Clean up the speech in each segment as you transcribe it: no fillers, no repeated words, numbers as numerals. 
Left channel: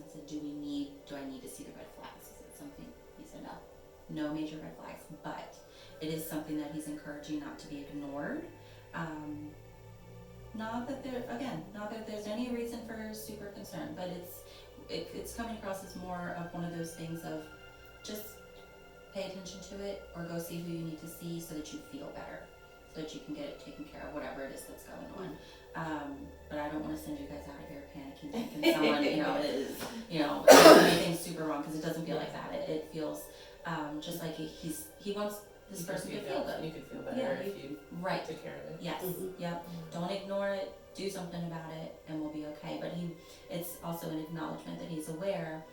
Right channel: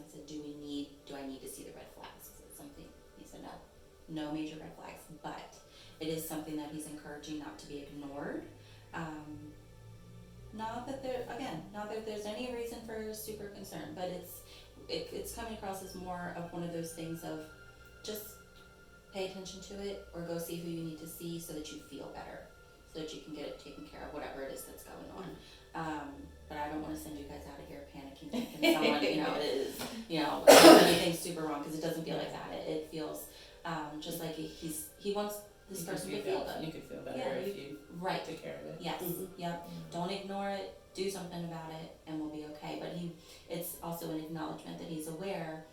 him, I said, do I need to see the red flags? Is it something? He said, no major red flags, but it is something that he's encouraging not to be ignored. Not that there's any reason for super concern, but it's coming across as more of one of those things of just pay attention to it, or go see who you need to see so that you feel better, so that you can get it taken care of, whatever it is that's going on. But I don't want to send you guys out of here panicking, thinking someone, is, anything super wrong, because it doesn't feel like that. It feels just like he wants this person to feel good. You could feel better if you right. take care of it. Yes. Yep. Don't ignore it. Do something about it, and we'll be okay. But it's also an acknowledgement that he's aware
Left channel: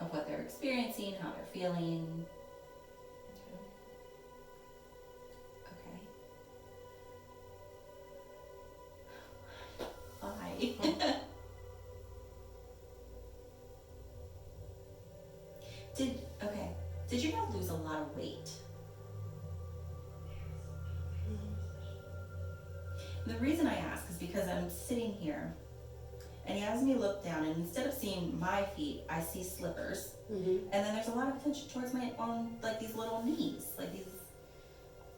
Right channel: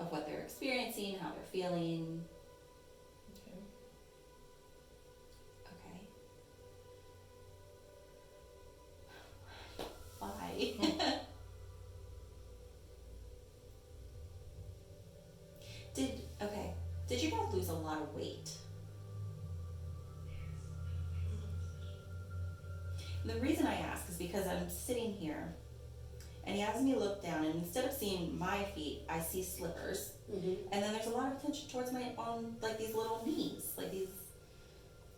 of what they're experiencing, how they're feeling. Okay. Why? Did you guys lose a lot of weight? The reason I ask is because I'm sitting here and he has me look down, and instead of seeing my feet, I see slippers. And then there's a lot of attention towards like these little knees, like these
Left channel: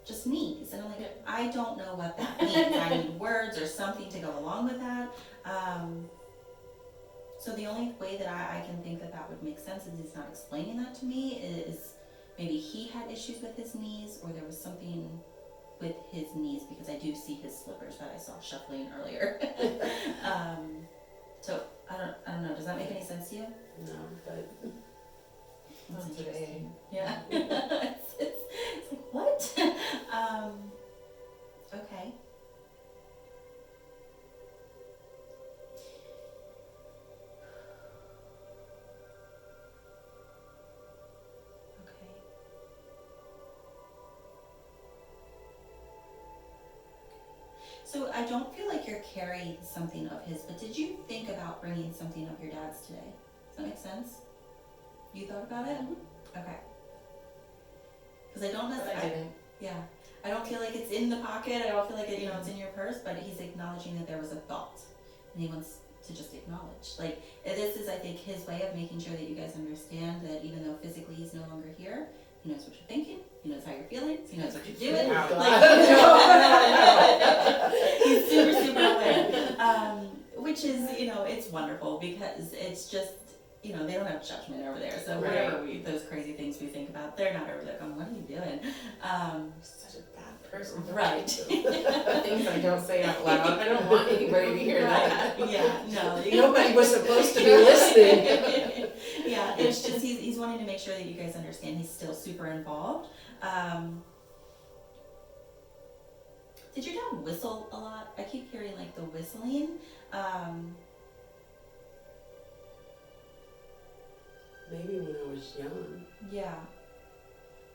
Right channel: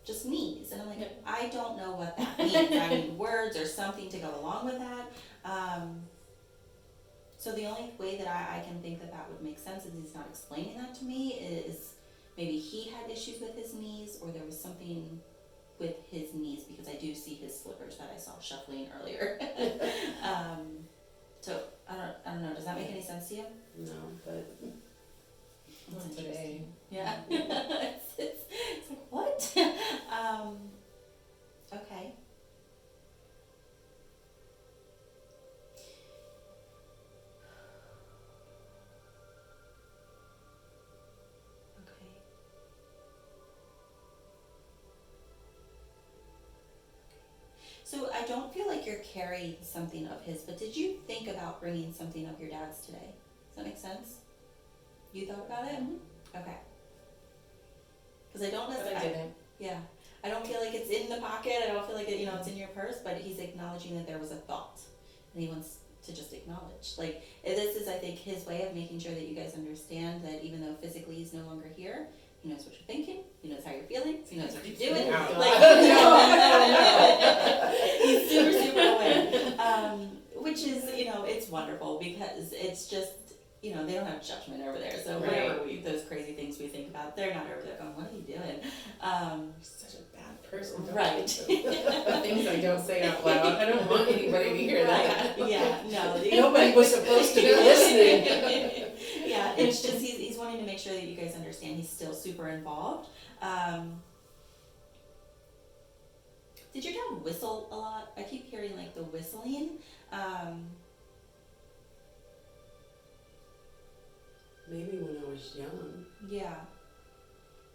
just knees. And I'm like, I don't know what that means. I need words or something to go along with that. So the only way that I can think that would make sense is he's not explaining that to me, is maybe he had issues with his knees, or there was something with his knees, because I do see his slippers that I saw shuffling earlier. So I don't know. Does that make any sense to you? No, but It's today. Yeah. it's like, what? Okay. So I don't feel like you're carrying something of his, but did you think about bringing something of your dad's today? Does that make sense? You thought about it? Okay. Because I don't necessarily. But I didn't. Yeah. I don't feel like it's in the pocket. I don't feel like it, it's in your purse, but he's acknowledging that there was a thought, and he wants to just acknowledge. Like, this is, I think, his way of making sure that you guys understand that even though physically he's no longer here, he knows what you're thinking, he knows how you're feeling, he knows what you're doing. He's super, super aware. Which is, it's wonderful, because it's just, they don't have judgment over there. So whatever those crazy things we think about, they're not over there going, what are you doing? Such a bad person. Right. The things I don't say out loud. I don't want anybody to hear that. Yeah, no. nobody was supposed to be listening. Yeah, it's just he's wanting to make sure that you guys understand he's still super involved. Did your dad whistle a lot? I keep hearing like the whistling. Maybe when I was young. Yeah.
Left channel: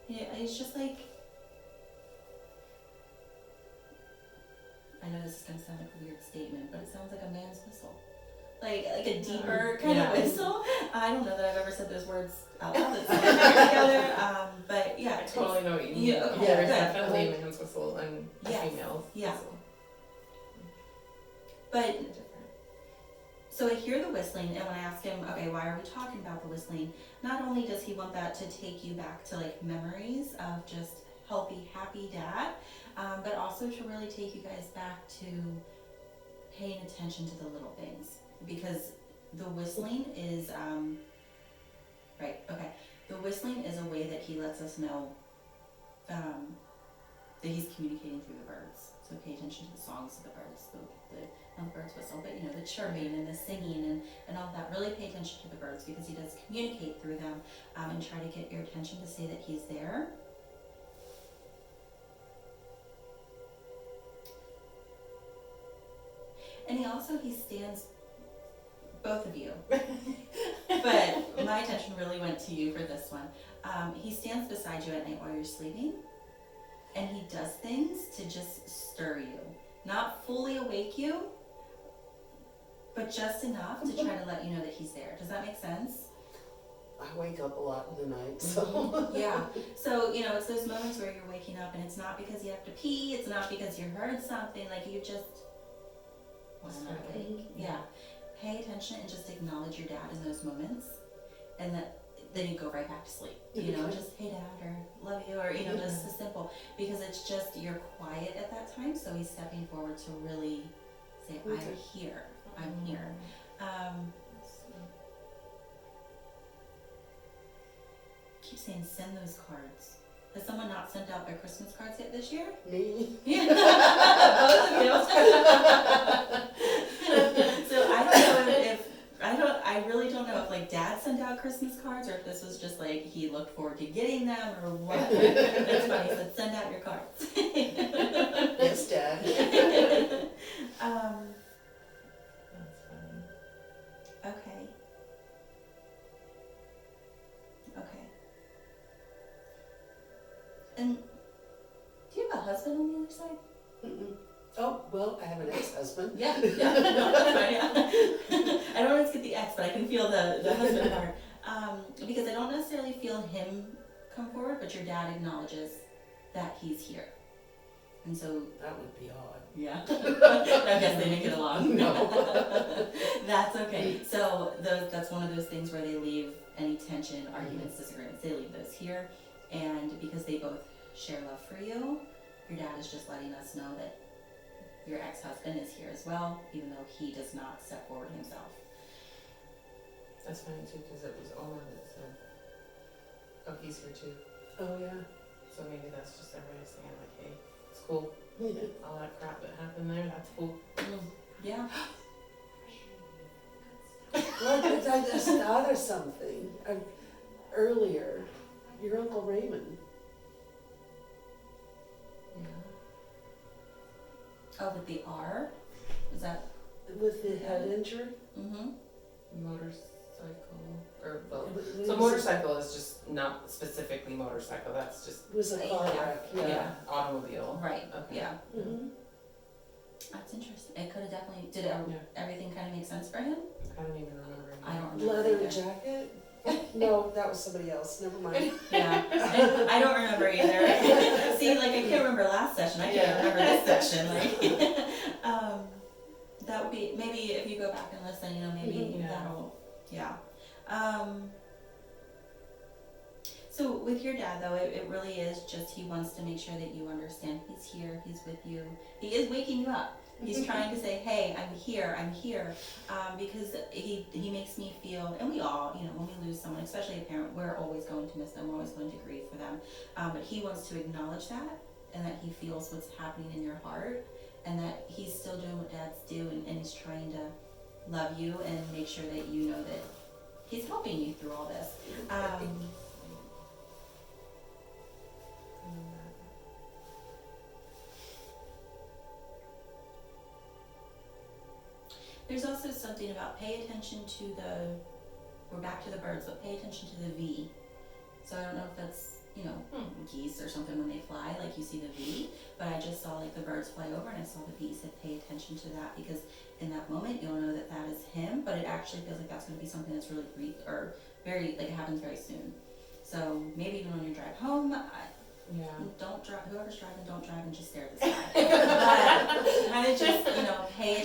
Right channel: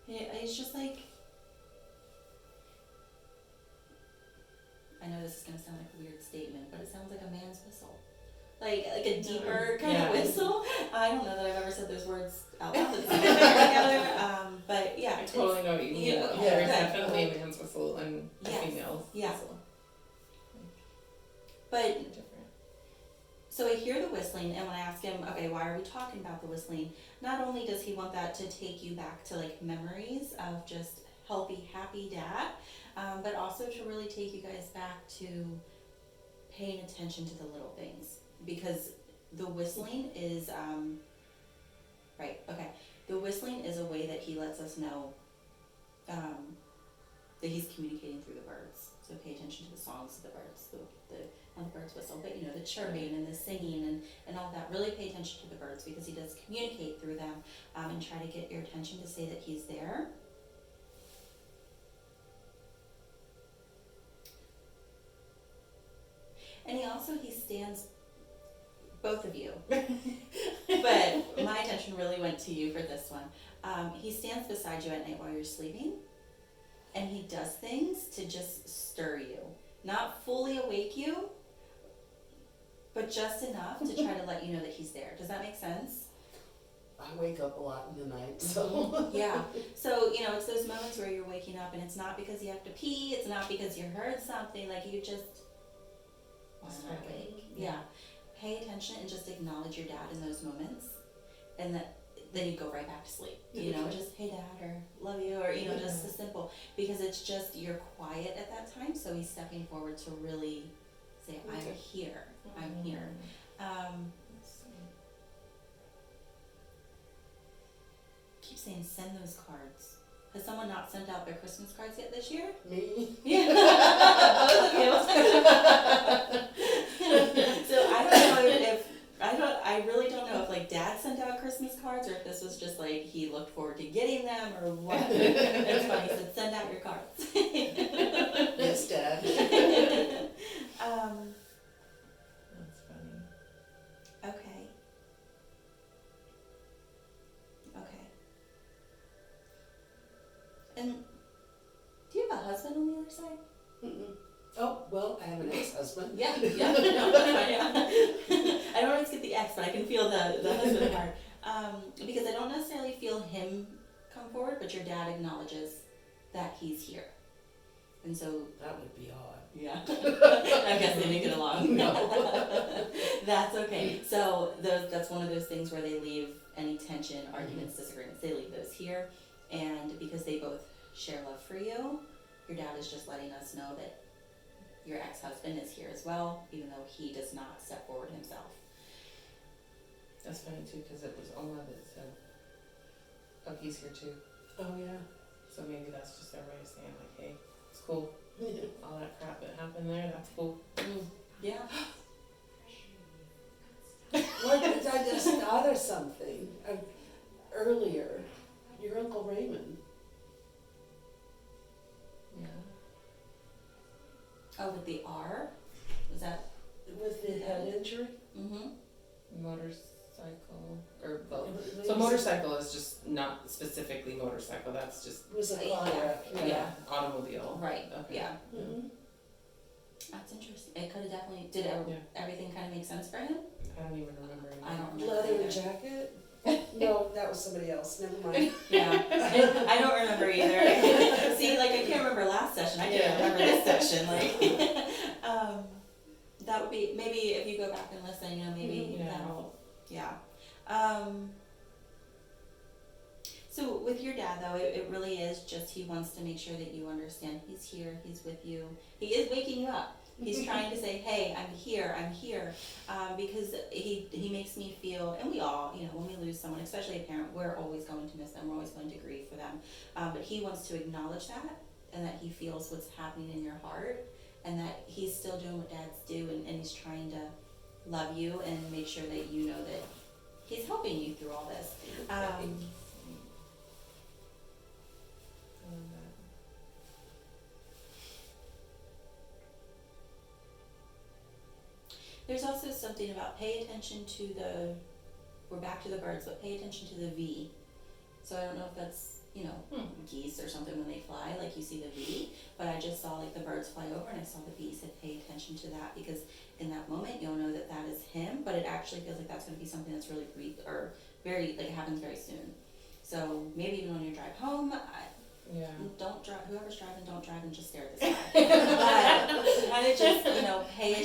It's just like, I know this is gonna sound like a weird statement, but it sounds like a man's whistle. Like a deeper kind of whistle. I don't know that I've ever said those words out loud that sound together. But yeah. I totally know what you mean. Yeah, There's good. definitely a man's whistle and a female's Yeah. whistle. But They're different. so I hear the whistling, and when I ask him, okay, why are we talking about the whistling? Not only does he want that to take you back to like memories of just healthy, happy dad, but also to really take you guys back to paying attention to the little things, because the whistling is the whistling is a way that he lets us know that he's communicating through the birds. So pay attention to the songs of the birds, not the birds whistle, but the chirping and the singing and all that. Really pay attention to the birds, because he does communicate through them, and try to get your attention to say that he's there. And he stands, both of you, but my attention really went to you for this one. He stands beside you at night while you're sleeping, and he does things to just stir you. Not fully awake you, but just enough to try to let you know that he's there. Does that make sense? I wake up a lot in the night, so. Yeah. So, it's those moments where you're waking up and it's not because you have to pee, it's not because you heard something, like you just want to awake. Yeah. pay attention and just acknowledge your dad in those moments, and then you go right back to sleep. You know, just hey dad, or love you, or you know, just the simple, because it's just you're quiet at that time, so he's stepping forward to really say, I'm here, I'm here. Keep saying send those cards. Has someone not sent out their Christmas cards yet this year? Me? Yeah. Both of you. So I don't know if I really don't know if like dad sent out Christmas cards, or if this was just like he looked forward to getting them, or what. It's funny, he said send out your cards. Yes, Dad. That's funny. Okay. And do you have a husband on the other side? Mm-mm. Oh, well, I have an ex-husband. Yeah, no, that's fine, yeah. I don't always get the ex, but I can feel the husband part. Because I don't necessarily feel him come forward, but your dad acknowledges that he's here. And so, That would be odd. yeah, I guess they didn't get along. No. That's okay. So that's one of those things where they leave any tension, arguments, disagreements, they leave those here. And because they both share love for you, your dad is just letting us know that your ex-husband is here as well, even though he does not step forward himself. That's funny too, because it was Omar that said, oh, he's here too. Oh, yeah. So maybe that's just their way of saying like, hey, it's cool. Yeah. All that crap that happened there, that's cool. Yeah. Well, I just thought of something. Earlier, your Uncle Raymond. Yeah. Oh, with the R? Is that? With the head injury? Mm-hmm. Motorcycle, or well, It so was- motorcycle is just not specifically motorcycle, that's just, It was a car wreck. Yeah. automobile. Right, Okay. yeah. Mhm. That's interesting. It could have definitely, did Yeah. everything kind of make sense for him? I don't even remember. I don't remember. Leather either. jacket? No, that was somebody else. Never mind. Yeah, I don't remember either. See, like I can't remember last session. I can't remember this session. Like, that would be maybe if you go back and listen. You know, maybe Mhm. that'll, yeah. So with your dad though, it really is just he wants to make sure that you understand he's here, he's with you. He is waking you up. He's trying to say, hey, I'm here, because he makes me feel, and we all, you know, when we lose someone, especially a parent, we're always going to miss them, we're always going to grieve for them. But he wants to acknowledge that, and that he feels what's happening in your heart, and that he's still doing what dads do, and he's trying to love you and make sure that you know that he's helping you through all this. There's also something about pay attention to we're back to the birds, but pay attention to the V. So I don't know if that's, you know, geese or something when they fly, like you see the V, but I just saw like the birds fly over and I saw the V, so pay attention to that, because in that moment you'll know that that is him, but it actually feels like that's going to be something that's really brief, or very, like it happens very soon. So maybe even when you drive home, don't drive, whoever's driving, don't drive and just stare at the sky. But kind of just, you know, pay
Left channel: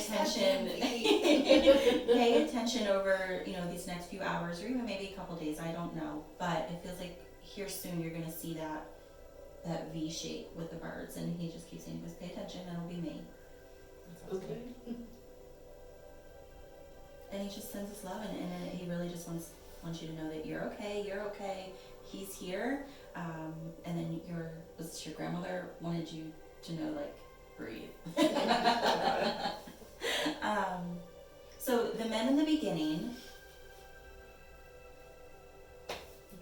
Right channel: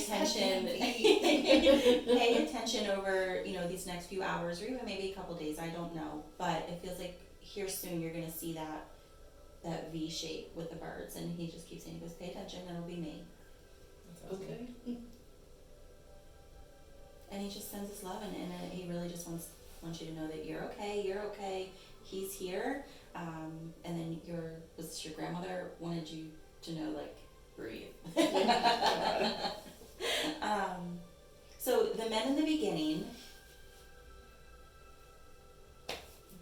attention over, you know, these next few hours or even maybe a couple days, I don't know. But it feels like here soon you're gonna see that V shape with the birds, and he just keeps saying, just pay attention and it'll be me. Okay. And he just sends us love, and he really just wants you to know that you're okay, he's here. And then your grandmother wanted you to know, like, breathe. So the men in the beginning,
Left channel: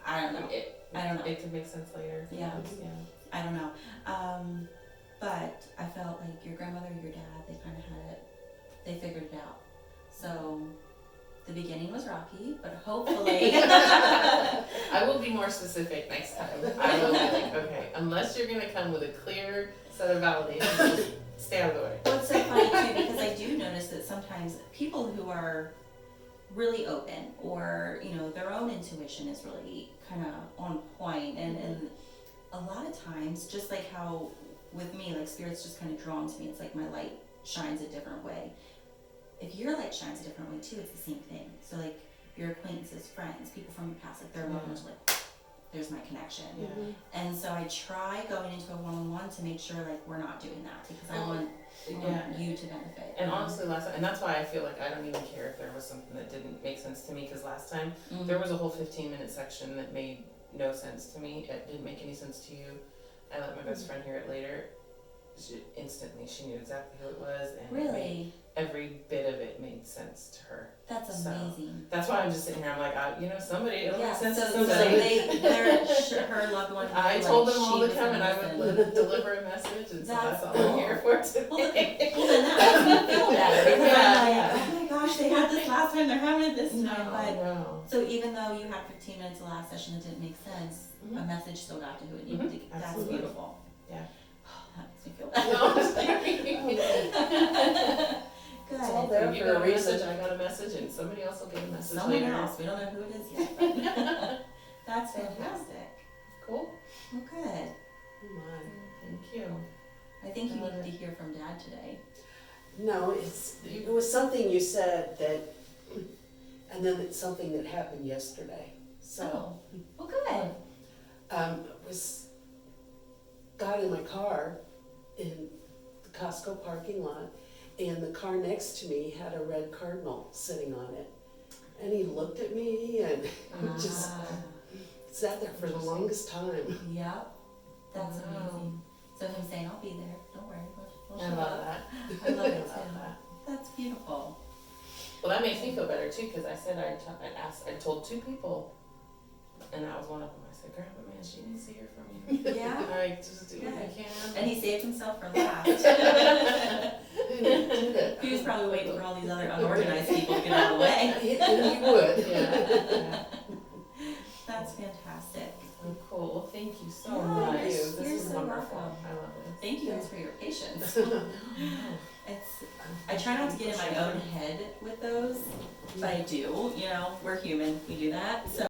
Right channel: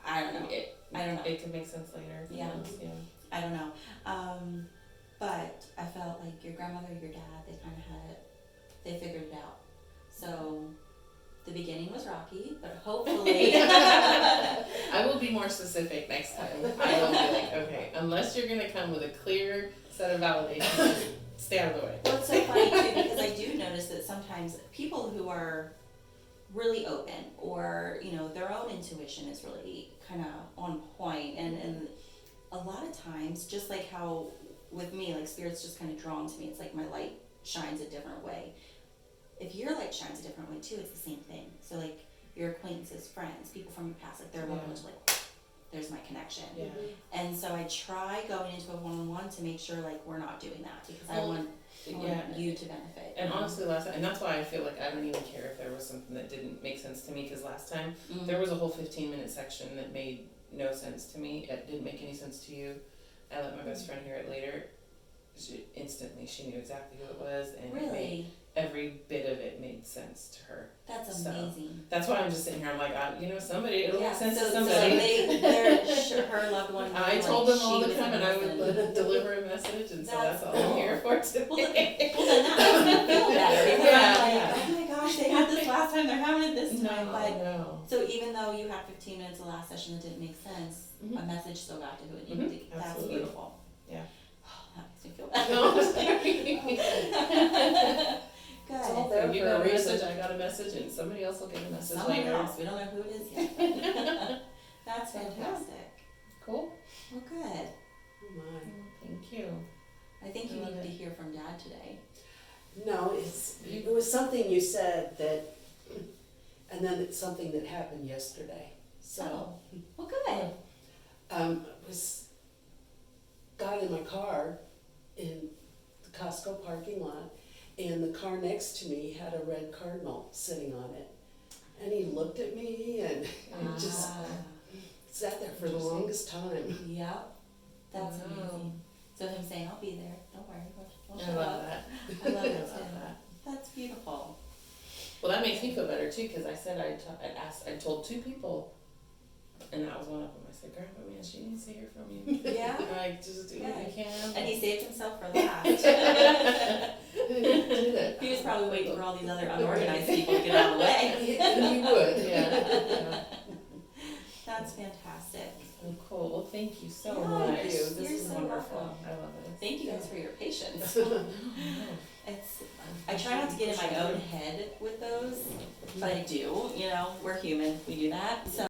I don't know. It could make sense later. Yeah. I don't know. But I felt like your grandmother, your dad, they kind of had it, they figured it out. So the beginning was rocky, but hopefully. I will be more specific next time. I will be like, okay, unless you're gonna come with a clear set of validations, just stay out of the way. Well, it's so funny too, because I do notice that sometimes people who are really open, or, you know, their own intuition is really kind of on point, and a lot of times, just like how with me, like spirit's just kind of drawn to me, it's like my light shines a different way. If you're like light shines a different way too, it's the same thing. So like your acquaintances, friends, people from your past, like they're Yeah. welcome to like, there's my connection. Yeah. And so I try going into a one-on-one to make sure like we're not doing that, because I want you to benefit. And honestly, last time, and that's why I feel like I don't even care if there was something that didn't make sense to me, because last time there was a whole 15-minute section that made no sense to me. It didn't make any sense to you. I let my best friend hear it later. She knew exactly who it was, and it made, Really? every bit of it made sense to her. That's So, amazing. That's why I'm just sitting here. I'm like, somebody, it'll Yeah, make sense to so somebody. her loved one. I knew, told like, them all she to was come, the and I person. would deliver a message, and so that's all I'm here for Well, today. well, then that makes me feel better, because Yeah, I'm like, yeah. oh my gosh, they had this last time, they're having it this time, but. no. So even though you had 15 minutes the last session that didn't make sense, a message still got to who it needed to. That's Absolutely. beautiful. Yeah. Oh, that makes me feel better. No, I'm sorry. It's all Good. there You for got a a message, reason. I got a message, and somebody else will get a message Someone later. else, we don't know who it is yet. But that's fantastic. Cool. Well, good. Oh my. Thank you. I think you needed to hear from Dad today. No, it was something you said that, and then it's something that happened yesterday. So, Oh, well, good. got in my car in the Costco parking lot, and the car next to me had a red cardinal sitting on it. And he looked at me and just sat there for the longest time. Yep. That's Wow. amazing. So him saying, I'll be there, don't worry, we'll I show love up. that. I love it I love too. that. That's beautiful. Well, that makes me feel better too, because I said I told 2 people, and that was one of them. I said, Grandpa, man, she needs to hear from you. Yeah. Like, just do what you can. And he saved himself for last. He was probably waiting for all these other unorganized people to get out of the way. And he would. Yeah. That's fantastic. Oh, cool. Well, thank you so Yeah, much. you're This is so wonderful. welcome. I love it. Thank you guys for your patience. It's, I try not to get in my own head with those, but I do, we're human, we do that, so.